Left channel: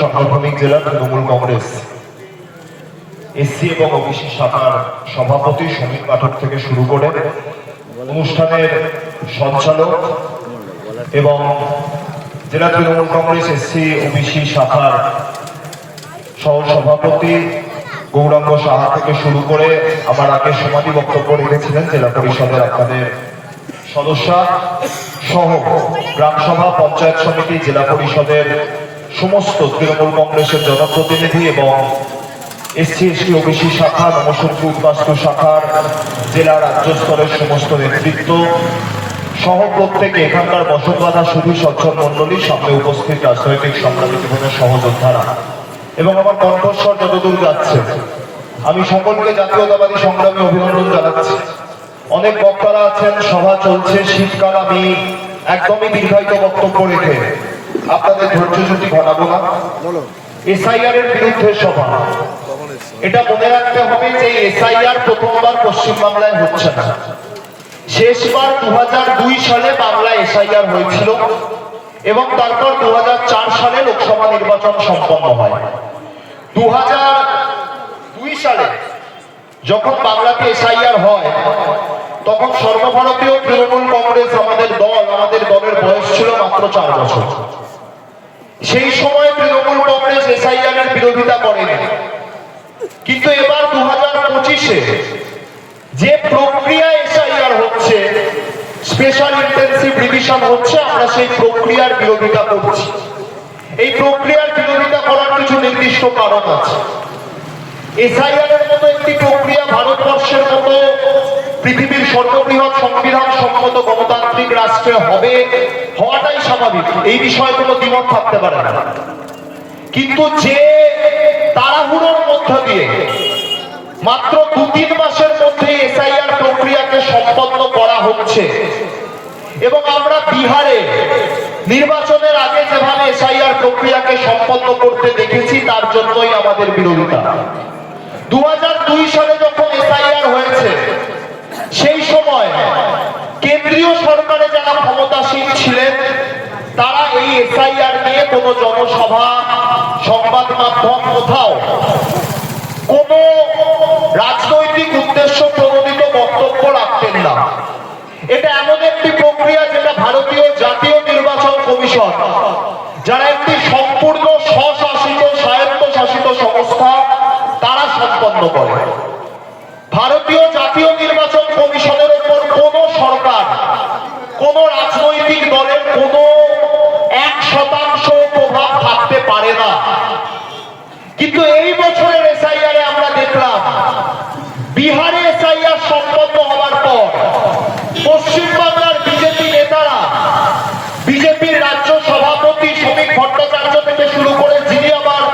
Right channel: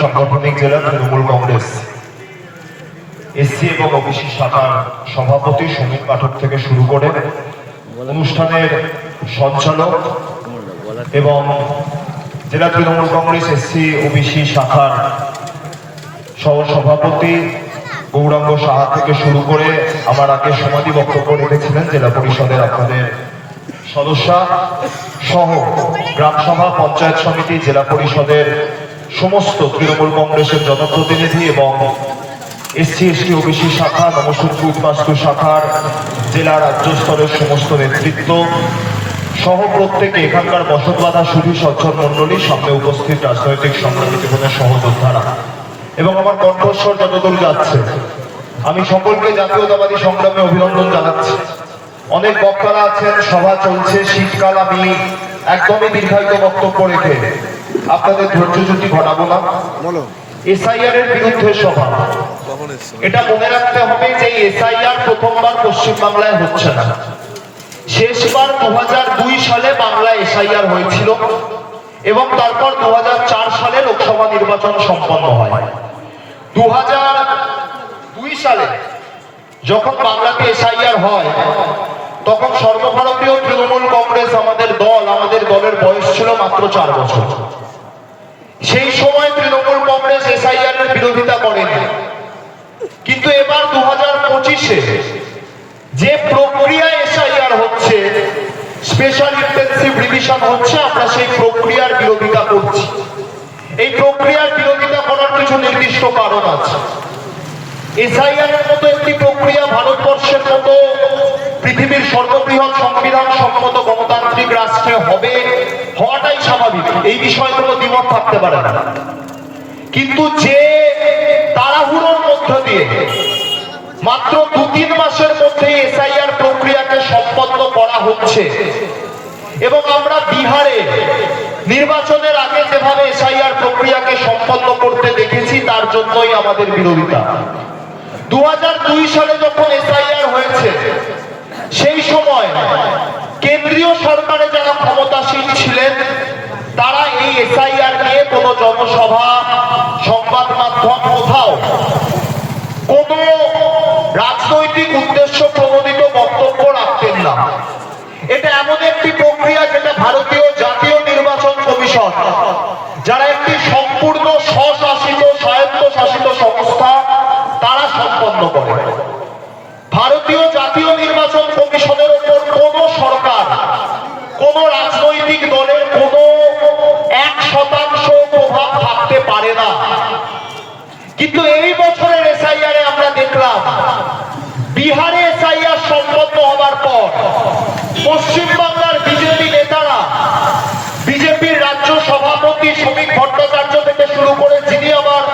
সাংগঠনিক জেলা তৃণমূল কংগ্রেস এসসি এবং ওবিসি শাখার সভাপতি সমীর পাঠক থেকে শুরু করে অনুষ্ঠানের সঞ্চালক এবং জেলা তৃণমূল কংগ্রেস এসসি ওবিসি শাখার সহ সভাপতি গৌরাঙ্গ সাহা থেকে শুরু করে আমার আগে সমাধি বক্তব্য রেখেছিলেন জেলা পরিষদের আপনাদের সদস্যা সহ গ্রামসভা পঞ্চায়েত সমিতি জেলা পরিষদের সমস্ত তৃণমূল কংগ্রেসের জনপ্রতিনিধি এবং এসসি এসটি ওবিসি শাখা নমশূদ্র উদ্বাস্তু শাখার জেলা রাজ্য স্তরের সমস্ত নেতৃত্ব সহ প্রত্যেকে এখানকার বসতবাধা শুধু সচ্ছল মন্ডলী সামনে উপস্থিত রাজনৈতিক সংগ্রামী জীবনের সহযোদ্ধারা এবং আমার কণ্ঠস্বর যতদূর যাচ্ছে আমি সকলকে জাতীয়তাবাদী সংগ্রামে অভিনন্দন জানাচ্ছি। অনেক বক্তারা আছেন, সভা চলছে, শীতকাল, আমি একদমই দীর্ঘায়িত বক্তব্য রেখে আপনাদের ধৈর্যচ্যুতি ঘটাবো না। এসআইআর এর বিরুদ্ধে সভা, এটা মনে রাখতে হবে যে এসআইআর প্রথমবার পশ্চিমবাংলায় হচ্ছে না। শেষবার 2002 সালে বাংলায় এসআইআর হয়েছিল এবং তারপর 2004 সালে লোকসভা নির্বাচন সম্পন্ন হয়। 2002 সালে যখন বাংলাতে এসআইআর হয় তখন সর্বভারতীয় তৃণমূল কংগ্রেস আমাদের দলের বয়স ছিল মাত্র 4 বছর। সেই সময় তৃণমূল কংগ্রেস এসআইআর এর বিরোধিতা করেনি, কিন্তু এবার 2025-এ যে প্রক্রিয়া এসআইআর হচ্ছে, স্পেশাল ইন্টেনসিভ রিভিশন হচ্ছে, আমরা সেই প্রক্রিয়ার বিরোধিতা করছি। এই প্রক্রিয়ার বিরোধিতা করার কিছু নির্দিষ্ট কারণ আছে। এসআইআর এর মতো একটি প্রক্রিয়া ভারতবর্ষের মতো পৃথিবীর সর্ববৃহৎ সংবিধান সম্মত গণতান্ত্রিক রাষ্ট্রে হওয়াটাই স্বাভাবিক, এই বিষয়ে কোনো দ্বিমত থাকতে পারে না। কিন্তু যে তাড়াহুড়োর মধ্য দিয়ে মাত্র 2-3 মাসের মধ্যে এসআইআর প্রক্রিয়াকে সম্পন্ন করা হচ্ছে এবং আমরা বিহারে নির্বাচনের আগে যেভাবে এসআইআর প্রক্রিয়াকে সম্পন্ন করতে দেখেছি, তার জন্যই আমাদের বিরোধিতা। 2002 সালে যখন এসআইআর হয়েছে সেই সময় কেন্দ্রীয় সরকারে যারা ক্ষমতাসীন ছিলেন তারা এই এসআইআর নিয়ে কোনো জনসভা, সংবাদ মাধ্যম, কোথাও কোনো রাজনৈতিক উদ্দেশ্য প্রণোদিত বক্তব্য রাখতেন না। এটা এমন একটি প্রক্রিয়া যেটা ভারতীয় জাতীয় নির্বাচন কমিশন, যারা একটি সম্পূর্ণ স্বশাসিত স্বায়ত্তশাসিত সংস্থা, তারা সম্পন্ন করে। ভারতীয় জাতীয় নির্বাচন কমিশনের উপর কোন সরকার, কোন রাজনৈতিক দলের কোন 1% প্রভাব থাকতে পারে না। কিন্তু এই বছরের এসআইআর আমরা দেখলাম বিহারে এসআইআর সম্পন্ন হবার পর পশ্চিমবাংলার বিজেপি নেতারা, বিজেপির রাজ্য সভাপতি শ্রমিক ভট্টাচার্য থেকে শুরু করে যিনি আবার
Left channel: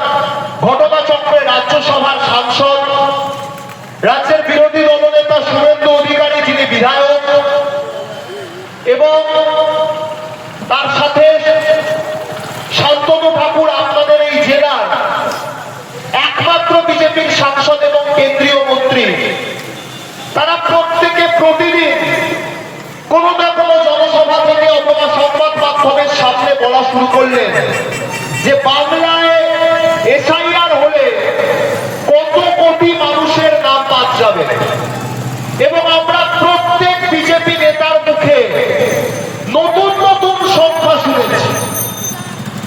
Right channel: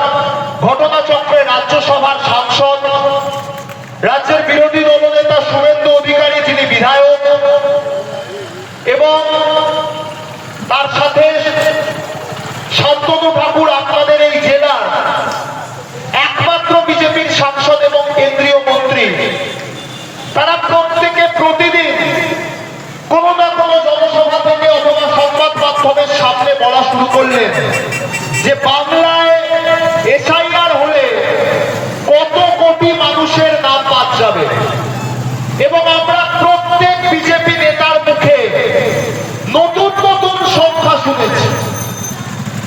ঘটনাচক্রে রাজ্যসভার সাংসদ, রাজ্যের বিরোধী দলনেতা শুভেন্দু অধিকারী যিনি বিধায়ক, এবং তার সাথে শান্তনু ঠাকুর আপনাদের এই জেলার একমাত্র বিজেপির সাংসদ এবং কেন্দ্রীয় মন্ত্রী, তারা প্রত্যেকে প্রতিদিন কোনো না কোনো জনসভা থেকে অথবা সংবাদ মাধ্যমের সামনে বলা শুরু করলেন যে বাংলায় এসআইআর হলে কত কোটি মানুষের নাম বাদ যাবে। এবং আমরা প্রত্যেক বিজেপি নেতার মুখে নতুন নতুন সংখ্যা শুনেছি।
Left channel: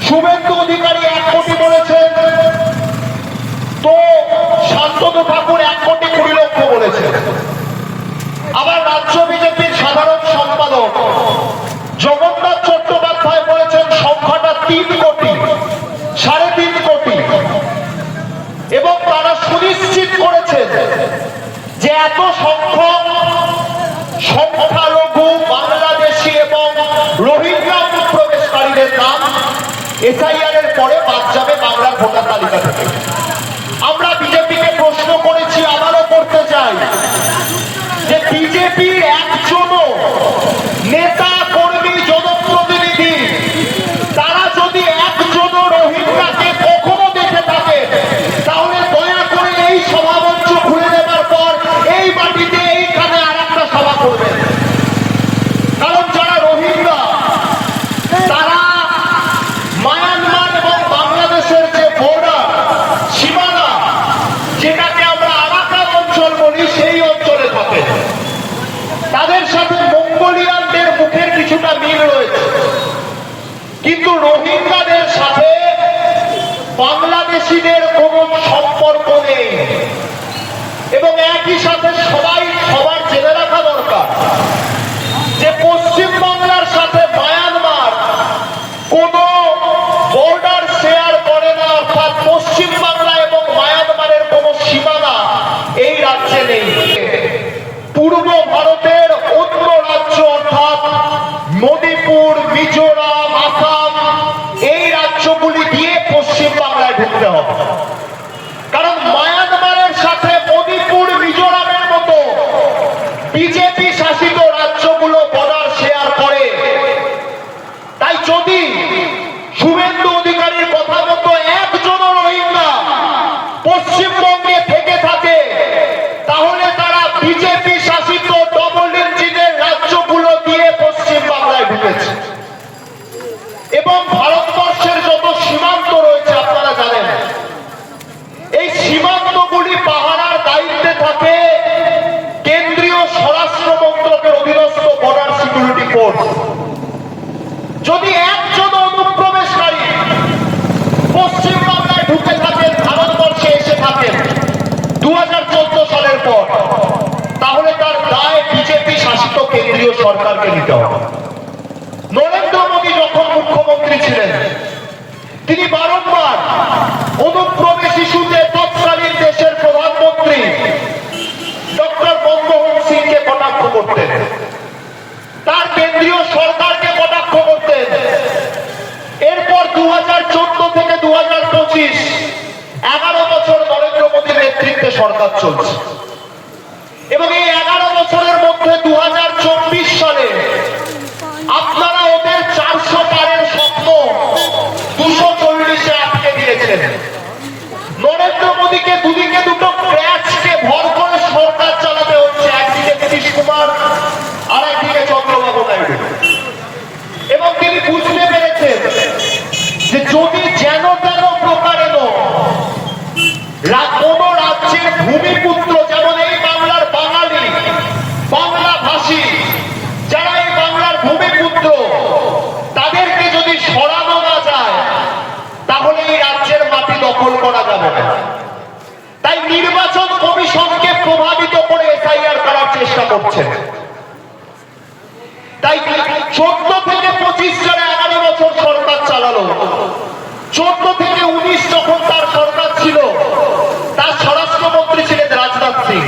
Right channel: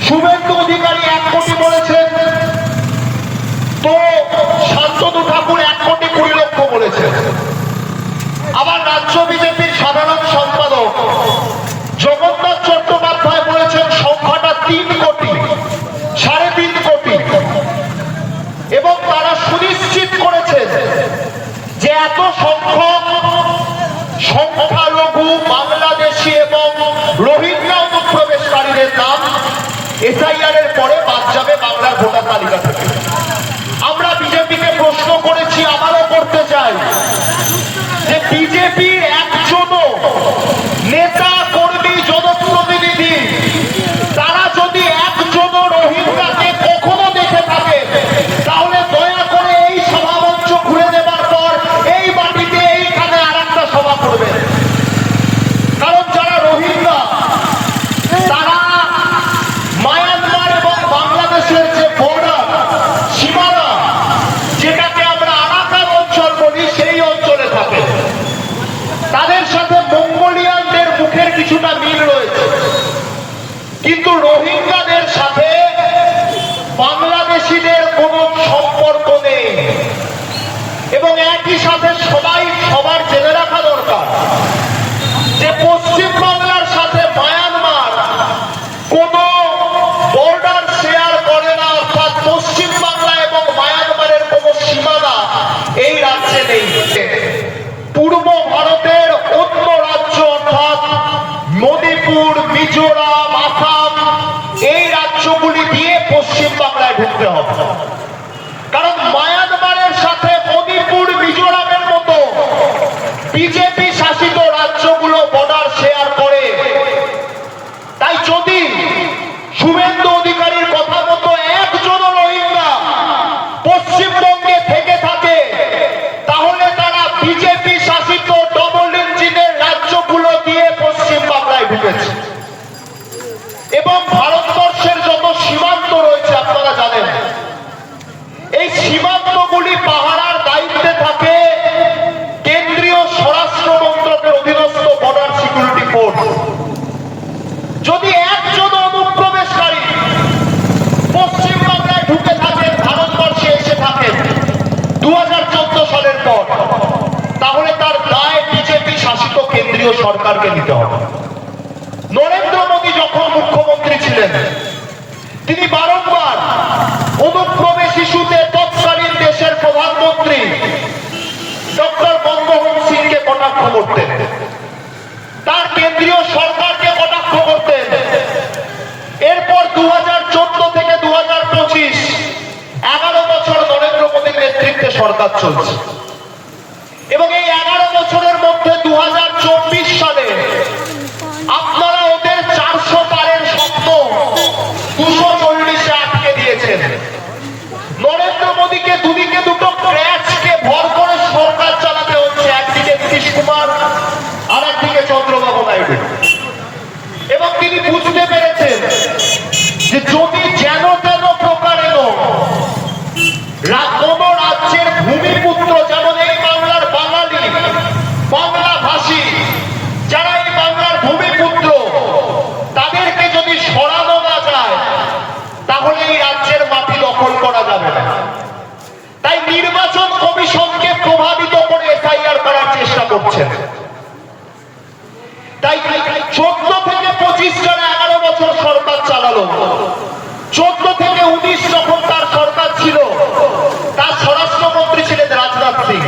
শুভেন্দু অধিকারী 1 কোটি বলেছেন, তো শান্তনু ঠাকুর 1,20,00,000 বলেছেন। আবার রাজ্য বিজেপির সাধারণ সম্পাদক জগন্নাথ চট্টোপাধ্যায় বলেছেন সংখ্যাটা 3 কোটি, 3.5 কোটি। এবং তারা সুনিশ্চিত করেছেন যে এত সংখ্যক সংখ্যালঘু বাংলাদেশি এবং রোহিঙ্গা অনুপ্রবেশকারীদের নাম এসআইআর এর পরে বাদ যাবে বাংলার ভোটার তালিকা থেকে। আমরা বিজেপিকে প্রশ্ন করেছি, আবারও করতে চাই, যে বিজেপির একজনও নেতা, কর্মী, জনপ্রতিনিধি তারা যদি একজনও রোহিঙ্গাকে কখনো দেখে থাকে তাহলে দয়া করে এই সভামঞ্চ ঘুরে দেবার পর এই মাটিতে এইখানে আরেকটা সভা করবেন। কারণ যারা রোহিঙ্গা তারা মায়ানমার এবং বাংলাদেশের যে বাংলাদেশিদের কোনো সম্পর্ক নেই। এবং একই সাথে সবাই সবার জেনে রাখা দরকার যে পশ্চিম বাংলার সাথে মায়ানমার কোন বর্ডার শেয়ার করে না, অর্থাৎ পশ্চিম বাংলা এবং মায়ানমারের কোন সীমানা এই রাজ্যে নেই। পূর্ব ভারতের অন্য রাজ্য অর্থাৎ মণিপুর, মিজোরাম, আসাম এই রাজ্যগুলি দিয়ে পশ্চিম বাংলায় ঢুকতে হবে। কারণ মায়ানমারের সাথে মণিপুর, মিজোরামের মতো বিজেপি শাসিত রাজ্যগুলো বর্ডার শেয়ার করে। তাই যদি শুভেন্দু অধিকারীর কথা মতো একজন রোহিঙ্গা পশ্চিমবঙ্গে থেকে থাকে, তাহলে তারা বিজেপি শাসিত ডবল ইঞ্জিনের রাজ্যগুলো দিয়ে পশ্চিম বাংলায় ঢুকেছে। এবং ভারতবর্ষের যত সীমান্ত রয়েছে আপনারা জানেন, এই সীমান্তগুলি পাহারার দায়িত্বে থাকে কেন্দ্রীয় স্বরাষ্ট্র মন্ত্রকের অধীনস্থ বর্ডার সিকিউরিটি ফোর্স। যদি একজন অনুপ্রবেশকারী পশ্চিম বাংলায় ঢুকে থাকেন, ভারতবর্ষে এসে থাকেন 2014 সালের পর, তাহলে তার দায় বিজেপি শাসিত কেন্দ্রীয় সরকারকে নিতে হবে। নরেন্দ্র মোদী যখন মুখ্যমন্ত্রী ছিলেন, তিনি বারংবার অনুপ্রবেশ ইস্যুতে তৎকালীন দেশের প্রধানমন্ত্রী ডক্টর মনমোহন সিংকে কটাক্ষ করতেন, তার কেন্দ্রীয় সরকারকে কটাক্ষ করতেন। এরপর 2014 থেকে 2025 11 বছর নরেন্দ্র মোদীর নেতৃত্বে সরকার চলছে। এবং এই 11 বছরের মধ্যে 2024 সালে আপনারা ওদের 400 পারের স্বপ্ন 240-এ আটকে দিয়েছেন। নরেন্দ্র মোদীকে দুদিকে দুটো ক্র্যাচকে ভর করে সরকার চালাতে হচ্ছে, একদিকে নীতিশ কুমার আর একদিকে চন্দ্রবাবু নাইডু। এবং তিনি বুঝতে পেরেছেন যে যদি যেন তেন প্রকারেণ কোন রাজ্যের ভূমিপুত্র, যেমন এই বাংলার বাঙালি, বাংলা ভাষী যারা এই বাংলার ভূমিপুত্র, তাদেরকে যদি সরানো না যায়, তাহলে এই রাজ্যের মাটি দখল করা যাবে না। তাই নির্বাচন কমিশনকে প্রভাবিত করে এসআইআর করার চেষ্টা করছেন। তাই 14 থেকে 25 সালে 11 বছর সরকার চালালো। 14 থেকে 19 যখন তার সরকার ছিল, তার স্বরাষ্ট্রমন্ত্রী ছিলেন রাজনাথ সিং,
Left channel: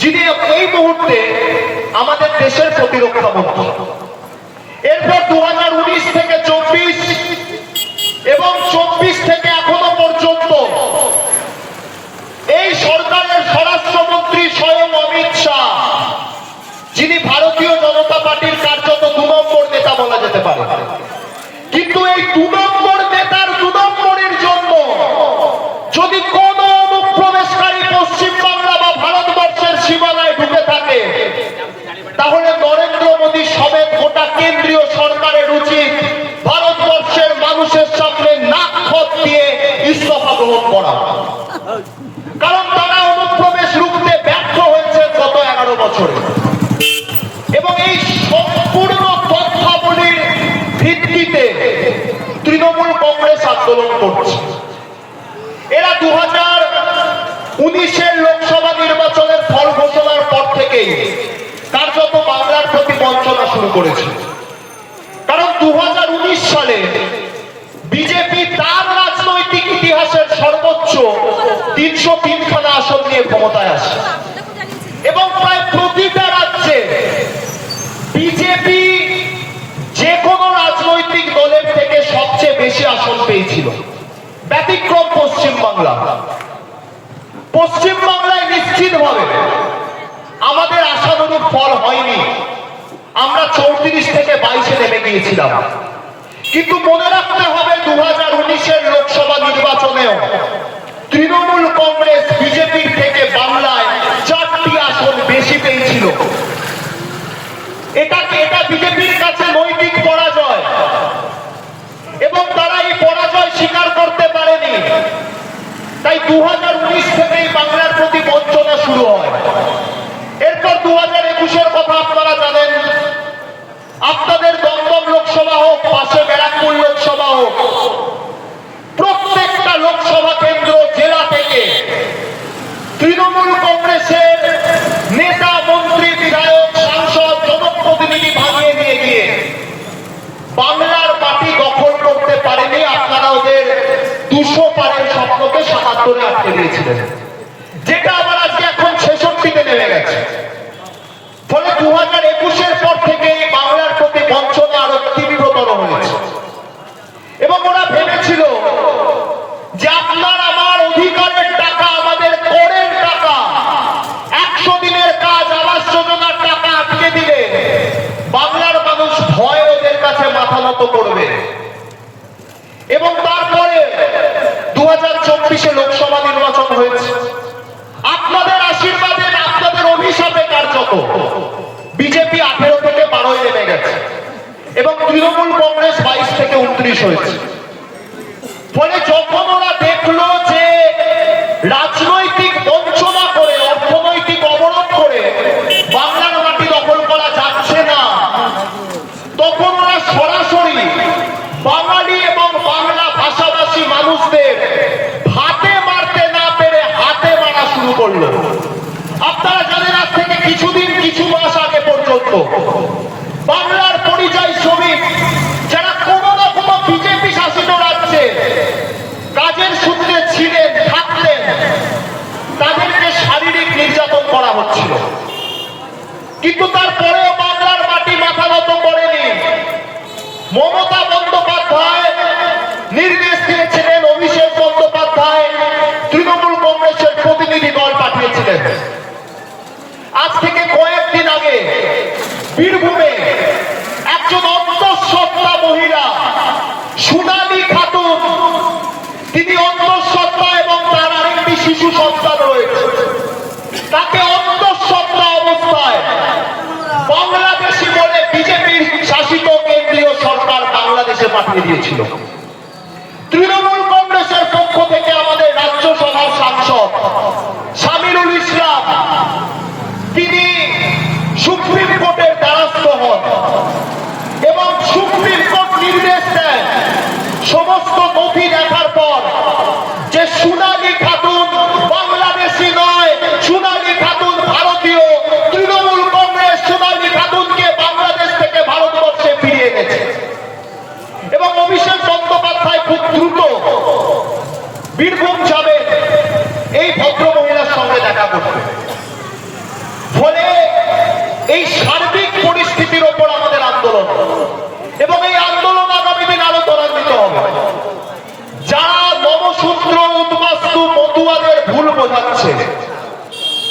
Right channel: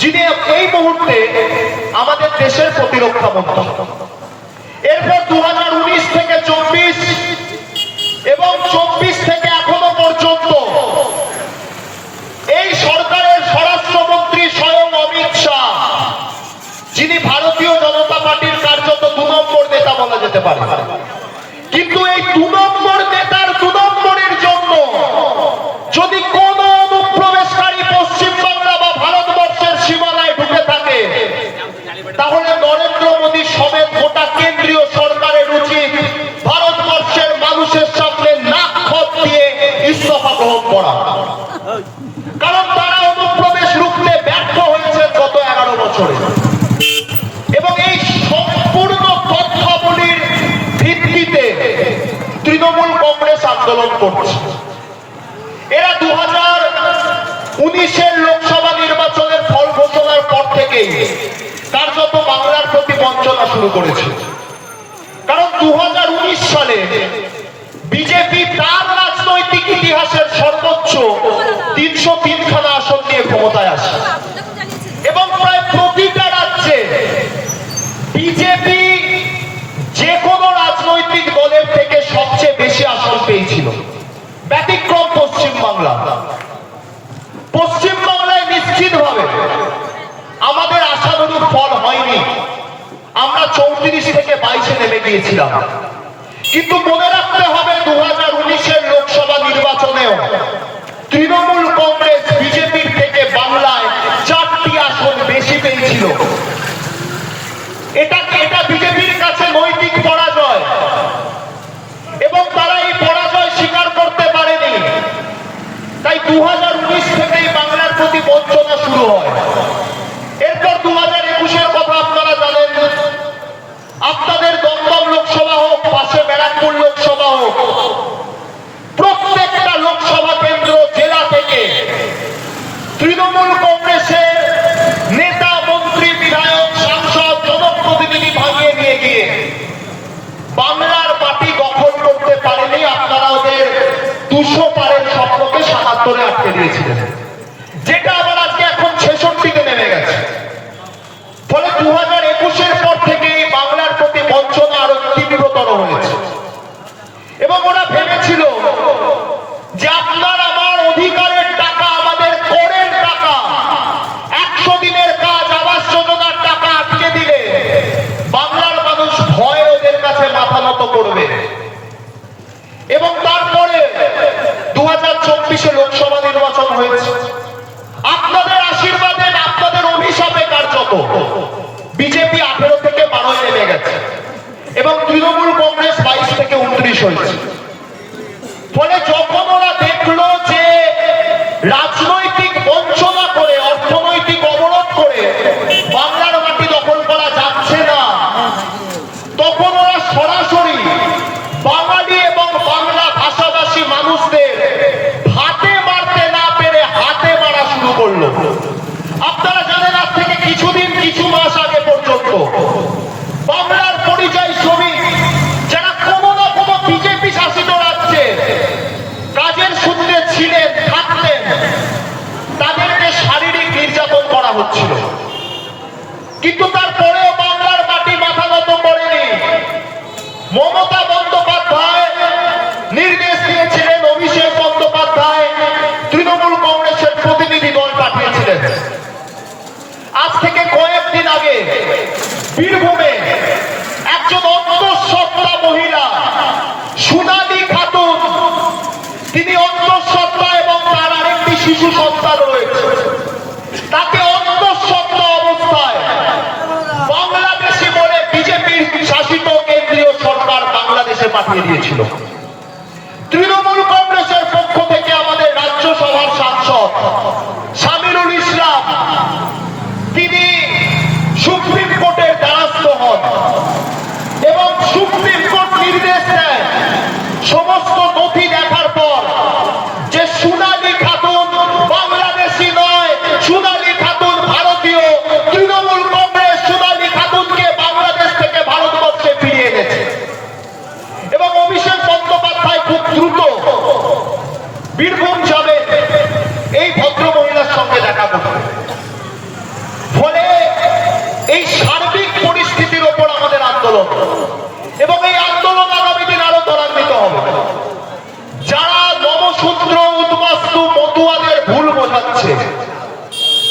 যিনি এই মুহূর্তে আমাদের দেশের প্রতিরক্ষা মন্ত্রী। এরপর 2019 থেকে 24 এবং 24 থেকে এখনো পর্যন্ত এই সরকারের স্বরাষ্ট্রমন্ত্রী স্বয়ং অমিত শাহ, যিনি ভারতীয় জনতা পার্টির কার্যত 2 নম্বর নেতা বলা যেতে পারে। কিন্তু এই 2 নম্বর নেতার 2 নম্বরের জন্য যদি কোন অনুপ্রবেশকারী পশ্চিম বাংলা বা ভারতবর্ষের সীমানায় ঢুকে থাকে, তাহলে নরেন্দ্র মোদী সমেত গোটা কেন্দ্রীয় সরকারের উচিত ভারতবর্ষের মানুষের সামনে নাক খত দিয়ে ইস্তফা গ্রহণ করা। কারণ তারা অনুপ্রবেশ রুখতে ব্যর্থ হয়েছে গত 11 বছরে। এবং এই সম্পূর্ণ তথ্যাবলীর ভিত্তিতে তৃণমূল কংগ্রেস আন্দোলন করছে। এরা 2019-এর লোকসভা নির্বাচনের ফল ঘোষণার পর থেকেই কার্যত বাংলার প্রতি বঞ্চনা শুরু করেছে। কারণ 2019 সালে বিজেপি তার রাজনৈতিক ইতিহাসের সর্বোচ্চ 303খানা আসন নিয়ে ক্ষমতায় আসে। এবং প্রায় প্রতিটা রাজ্যে বিজেপি যে কোনো রাজনৈতিক দলের থেকে সবচেয়ে বেশি আসন পেয়েছিল, ব্যতিক্রম পশ্চিম বাংলা। পশ্চিম বাংলায় নিশ্চিতভাবে আমাদের আশানুরূপ ফল হয়নি। আমরা 34 থেকে 22-এ নেমে গিয়েছিলাম। কিন্তু মনে রাখতে হবে 2019-এর লোকসভা নির্বাচনেও তৃণমূল কংগ্রেস বিজেপির থেকে বাংলায় 4টি আসন বেশি পেয়েছিল। এটা বিজেপির কাছে নৈতিক পরাজয়, এবং তারা এই পরাজয় স্বীকার করতে পারেনি। তাই 2019 থেকেই বাংলার প্রতি বঞ্চনা শুরু হয়। এরপর 2021-এর কথা আপনারা জানেন। আপনাদের দমদম লোকসভা হোক, পাশে ব্যারাকপুর লোকসভা হোক, প্রত্যেকটা 200 পারের স্বপ্নকে 77-এ আটকে দিয়েছিলেন, যেটা আবার আজকে এখন 66-তে নেমে গেছে। ফলে 2021-এর পর থেকে বাংলার প্রতি বঞ্চনা আরো তীব্রতর হয়েছে। এবং ওরা ভেবেছিল যে আপনার আমার অধিকারের টাকা, আমাদের করের টাকা, 100 দিনের কাজ, আবাস যোজনার টাকা আটকে দিলে বাংলার মানুষ ভয় ওদের কাছে মাথা নত করবে। এবং তারপরে 2024-এ লোকসভা নির্বাচন হয়েছে। আপনাদের আশীর্বাদে, আপনাদের অভিশাপে কার্যত বিজেপি 18 থেকে 12 নেমে গেছে এবং তৃণমূল কংগ্রেস 22 থেকে 29 হয়েছে। ফলে যখন ওরা দেখলো যে রাজনৈতিক বঞ্চনা করে, অর্থনৈতিক অবরোধ করে বাংলার মাটি দখল করা যাচ্ছে না, তখন ওরা সরাসরি বাঙালি এবং বাংলা ভাষাভাষী মানুষদের হাতে মারতে না পেরে হাতে মারা শুরু করলো। আপনারা জানেন, আজ থেকে কিছু মাস আগে পর্যন্ত বাংলার পরিযায়ী শ্রমিক যারা কোনো না কোনো বিজেপি শাসিত রাজ্যে কাজের সূত্রে ছিলেন, থাকতেন, তাদেরকে শারীরিক নির্যাতন করা হচ্ছিল। কিন্তু তারপরেও বাংলার মাটি মাথা নত করেনি। মমতা বন্দ্যোপাধ্যায় নির্দেশ দিয়েছিলেন, অভিষেক বন্দ্যোপাধ্যায় তৃণমূল কংগ্রেসের প্রতিনিধি দল পাঠিয়েছিলেন। আজ থেকে কয়েকদিন আগে বীরভূমে একজন অন্তঃসত্ত্বা মহিলা সোনালী খাতুন, তিনি অন্তঃসত্ত্বা এবং তার আরেকটি শিশু সন্তান রয়েছে, তাকে অন্তঃসত্ত্বা অবস্থায় বাংলাদেশি বলে বিজেপির শাসিত কেন্দ্রীয় সরকার বাংলাদেশে পাঠিয়ে দিয়েছিল। তৃণমূল কংগ্রেসের পক্ষ থেকে আমাদের রাজ্যসভার সাংসদ শামিরুল ইসলাম, তিনি সুপ্রিম কোর্টের দ্বারস্থ হন এবং সুপ্রিম কোর্ট নির্দেশ দেন সমস্ত নথি দেখার পর যে সোনালী খাতুন বাংলাদেশি নয়, সোনালী খাতুন ভারতীয়। তৃণমূল কংগ্রেস সোনালী খাতুনকে বাংলাদেশ থেকে ভারতবর্ষে ফিরিয়ে এনেছে এবং অভিষেক বন্দ্যোপাধ্যায় খুব দ্রুত বীরভূম যাবেন এই ভদ্র মহিলার সঙ্গে দেখা করতে। ফলে এই সার্বিক পরিস্থিতির ওপর আমাদের আন্দোলন, এবং এই আন্দোলন আগামী দিন আরো ত্বরান্বিত হবে। যারা নমশূদ্র, উদ্বাস্তু, মতুয়াদের ভুল বোঝাচ্ছে,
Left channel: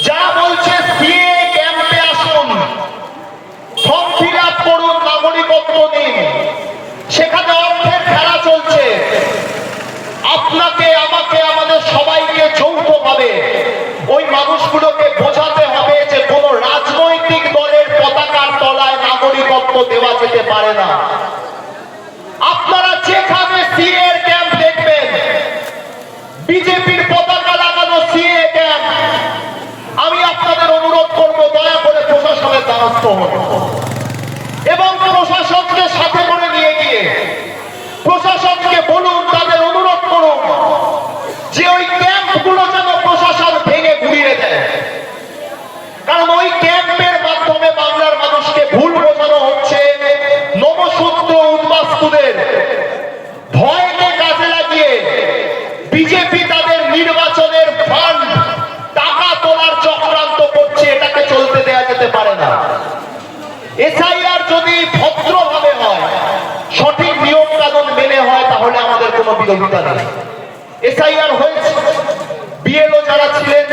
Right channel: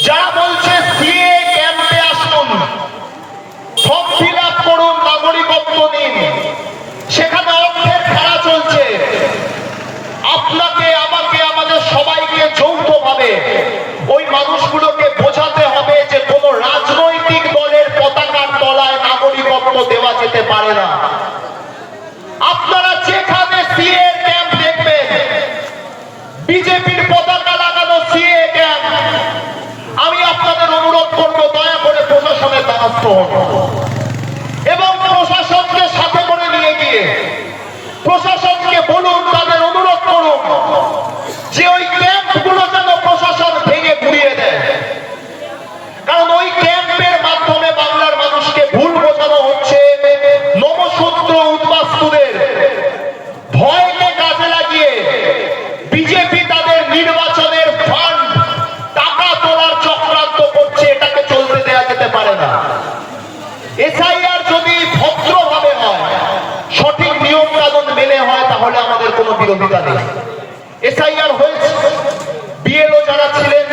যারা বলছে সিএ ক্যাম্পে আসুন, ফর্ম ফিল আপ করুন, নাগরিকত্ব নিন, সেখানে অর্থের খেলা চলছে। আপনাকে, আমাকে, আমাদের সবাইকে যৌথভাবে ওই মানুষগুলোকে বোঝাতে হবে যে কোন রাজনৈতিক দলের পতাকার তলায় নাগরিকত্ব দেওয়া যেতে পারে না। আপনারা যেখানে সিএ ক্যাম্প দেখবেন, বিজেপির পতাকা লাগানো সিএ ক্যাম্প, আমি আপনাদের অনুরোধ করব দয়া করে প্রশাসনের দ্বারস্থ হন এবং প্রশাসনকে সাথে করে নিয়ে গিয়ে প্রশাসনকে বলুন, তাদের অনুরোধ করুন যে ওই ক্যাম্পগুলো যেন প্রশাসন ভেঙে ঘুরিয়ে দেয়। কারণ ওই ক্যাম্পের মাধ্যমে বাংলার মানুষকে ভুল বোঝানো হচ্ছে। নমশূদ্র, উদ্বাস্তুদের ভয়কে কাজে লাগিয়ে বিজেপি তাদের নির্বাচনের ফান্ড, টাকা তোলার চক্রান্ত করছে। এটাকে চলতে দেওয়া যেতে পারে না। এসআইআর যদি ভদ্রভাবে হয়, সঠিক নিয়ম কানুন মেনে হয়, তাহলে আমাদের কোনো বিরোধিতা নেই। এসআইআর হয়েছে, বিএলও যারা ছিলেন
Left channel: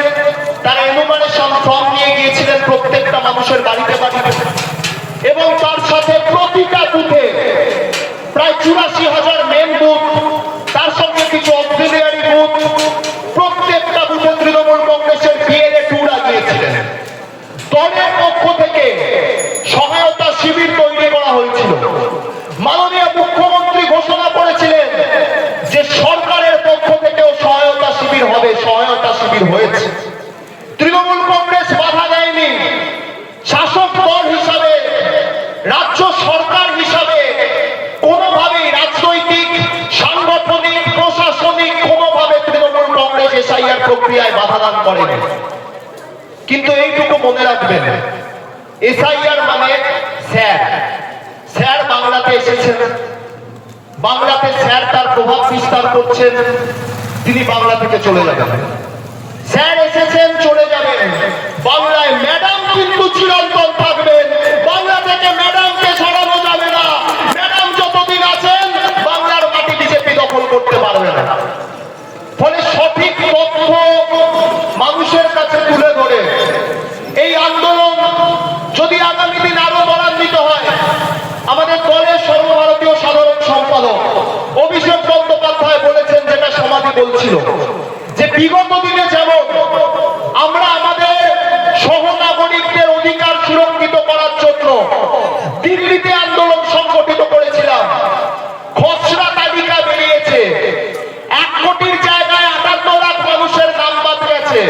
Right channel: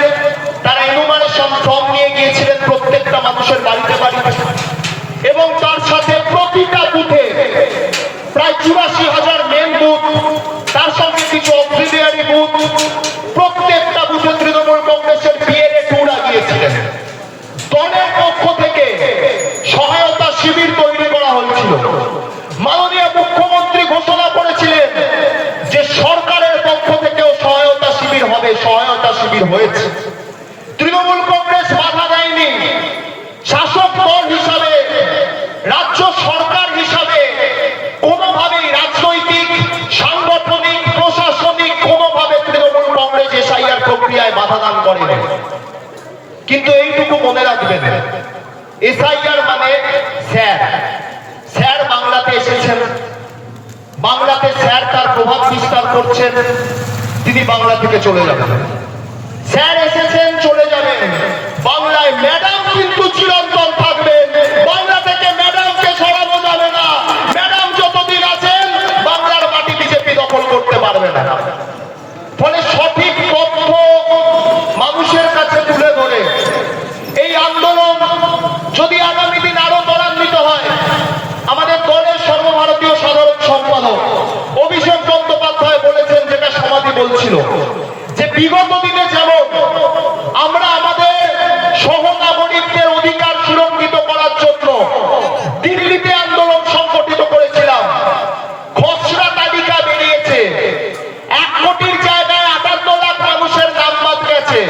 তারা এনুমারেশন ফর্ম নিয়ে গিয়েছিলেন প্রত্যেকটা মানুষের বাড়িতে বাড়িতে, এবং তার সাথে প্রতিটা বুথে প্রায় 84,000 মেন বুথ, তার সঙ্গে কিছু অক্সিলিয়ারি বুথ, প্রত্যেকটা বুথে তৃণমূল কংগ্রেসের বিএলএ টুরা গিয়েছিলেন। দলের পক্ষ থেকে সহায়তা শিবির তৈরি করা হয়েছিল। মাননীয় মুখ্যমন্ত্রী ঘোষণা করেছিলেন যে সরকারের পক্ষ থেকেও সহায়তা শিবির হবে, সহায়তা শিবির হয়েছে। তৃণমূল কংগ্রেস বাধা দেয়নি। শাসক দল হিসাবে, রাজ্য সরকার হিসাবে কোনোভাবেই রাজনৈতিক, সাংগঠনিক, প্রশাসনিক কোনোভাবে তৃণমূল কংগ্রেস এসআইআর প্রক্রিয়ায় বাধা দান করেনি। কিন্তু এইটুকু মনে রাখবেন, এসআইআর মানে স্যার বাংলাতে এসেছেন, বাংলাতে স্যার তার প্রভাব বিস্তার করছেন, তিনি বাংলা থেকে চলে যাবেন। স্যার এসেছেন, চলে যাবেন। বাংলায় ম্যাডাম কিন্তু চিরন্তন থাকবেন। বাংলা থেকে ম্যাডামকে সরানো যাবে না। ম্যাডাম যতদিন আছেন বাংলার মাটি বিজেপি দখল করতে পারবে না। ফলে সঠিক তথ্য মানুষের কাছে তুলে ধরে এই আন্দোলন যদি আগামী দিন আরো ত্বরান্বিত হয়, আমাদের দলের সর্বভারতীয় সাধারণ সম্পাদক অভিষেক বন্দ্যোপাধ্যায় বলেছেন, যেটা সমাধি বলছিল, যে বিগত দিনে যেমন আমরা আমাদের সহনাগরিকদের অধিকার সুরক্ষিত করার জন্য দিল্লিতে আন্দোলন সংগঠিত করেছিলাম, খসড়া তালিকা বেরিয়েছে, 1 কোটির জায়গায় 58 লাখ মানুষের নাম বাদ গেছে,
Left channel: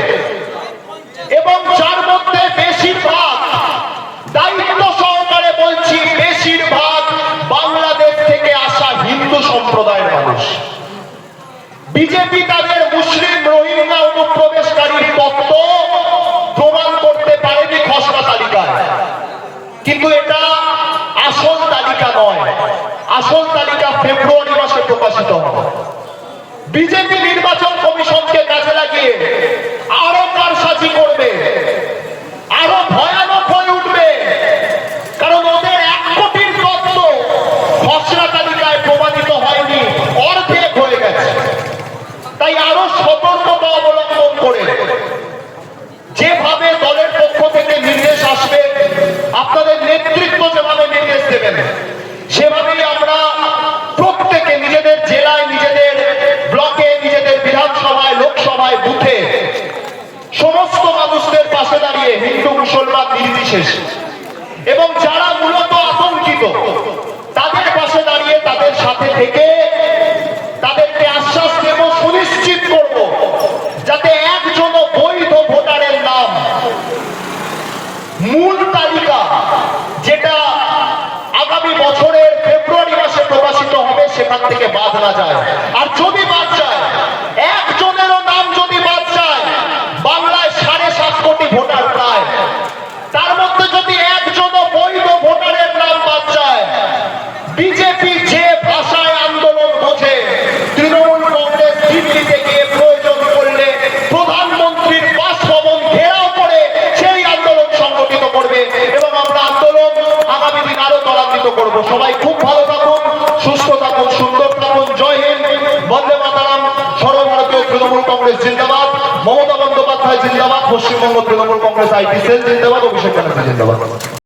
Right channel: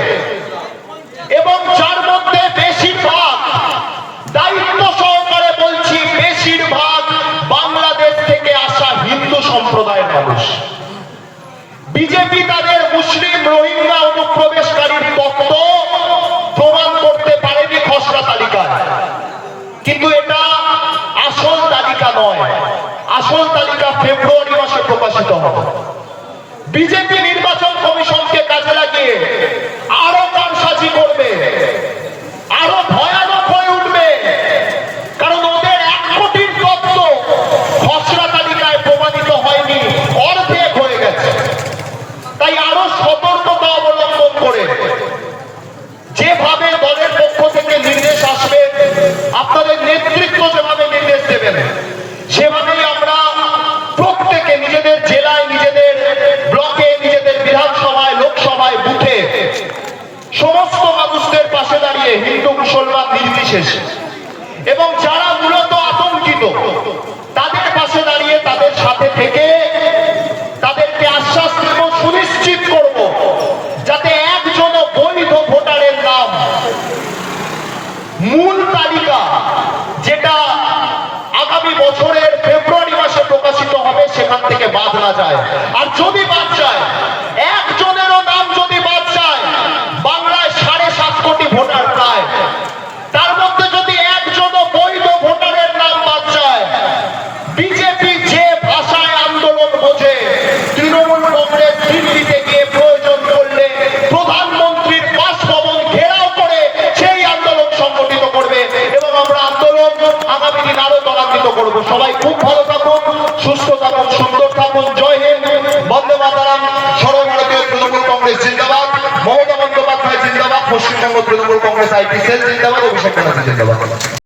এবং যার মধ্যে বেশিরভাগ, দায়িত্ব সহকারে বলছি, বেশিরভাগ বাংলাদেশ থেকে আসা হিন্দু সম্প্রদায়ের মানুষ। বিজেপি তাদের মুসলিম রোহিঙ্গা অনুপ্রবেশকারীর তত্ত্ব প্রমাণ করতে পারেনি খসড়া তালিকায়, কিন্তু এটা আসল তালিকা নয়। আসল তালিকা ফেব্রুয়ারি মাসে প্রকাশিত হবে। বিজেপি নির্বাচন কমিশনকে কাজে লাগিয়ে আরো কারসাজি করবে, আরো ভয়ানক হয়ে উঠবে, কারণ ওদের 1 কোটির তত্ত্ব খসড়া তালিকায় প্রমাণিত হয়নি, অর্ধেক হয়ে গেছে। তাই আরো সতর্কতা অবলম্বন করে যেভাবে দলের পক্ষ থেকে নির্দেশ আসবে, আপনাদের নেতৃত্ব যেভাবে নির্দেশ দেবেন, সেভাবেই আমরা প্রত্যেকে নিজেদের জেলায়, নিজেদের ব্লকে, নিজেদের বিধানসভায়, লোকসভায়, বুথে সমস্ত মানুষদের পাশে দাঁড়িয়ে, হিন্দু মুসলমান নির্বিশেষে, এবং যারা মূলত আতঙ্কিত তাদের পাশে দাঁড়িয়ে তাদের সাথে থেকে তাদেরকে আশ্বাস দেব, সুনিশ্চিত করব, যাতে একজনও বৈধ ভোটারের নাম মূল তালিকা, যেটা আগামী বছরের ফেব্রুয়ারি মাসে প্রকাশিত হবে, সেখান থেকে বাদ না যায়। আর যদি বাদ যায়, একজনেরও নাম যদি বাদ যায়, বাংলায় 7.5 কোটি ভোটার প্রায়, তার মধ্যে যদি একজনও বৈধ ভোটারের নাম বাদ যায়, বিজেপি যে ভাষায় আন্দোলন বোঝে, তৃণমূল কংগ্রেস দিল্লিতে গিয়ে প্রয়োজন করলে প্রধানমন্ত্রীর বাসভবন ঘেরাও করে সেই আন্দোলন সংগঠিত করবে, এবং আমরা আন্দোলন আগামী দিন আরো ত্বরান্বিত করব। সবাই খুব ভালো থাকুন, সুস্থ থাকুন, সুন্দর থাকুন। জয় হিন্দ, বন্দে মাতরম। সর্বভারতীয় তৃণমূল কংগ্রেস জিন্দাবাদ, মমতা বন্দ্যোপাধ্যায় জিন্দাবাদ, পশ্চিমবঙ্গ তৃণমূল কংগ্রেস আইটি সেল জিন্দাবাদ, অভিষেক ব্যানার্জি জিন্দাবাদ।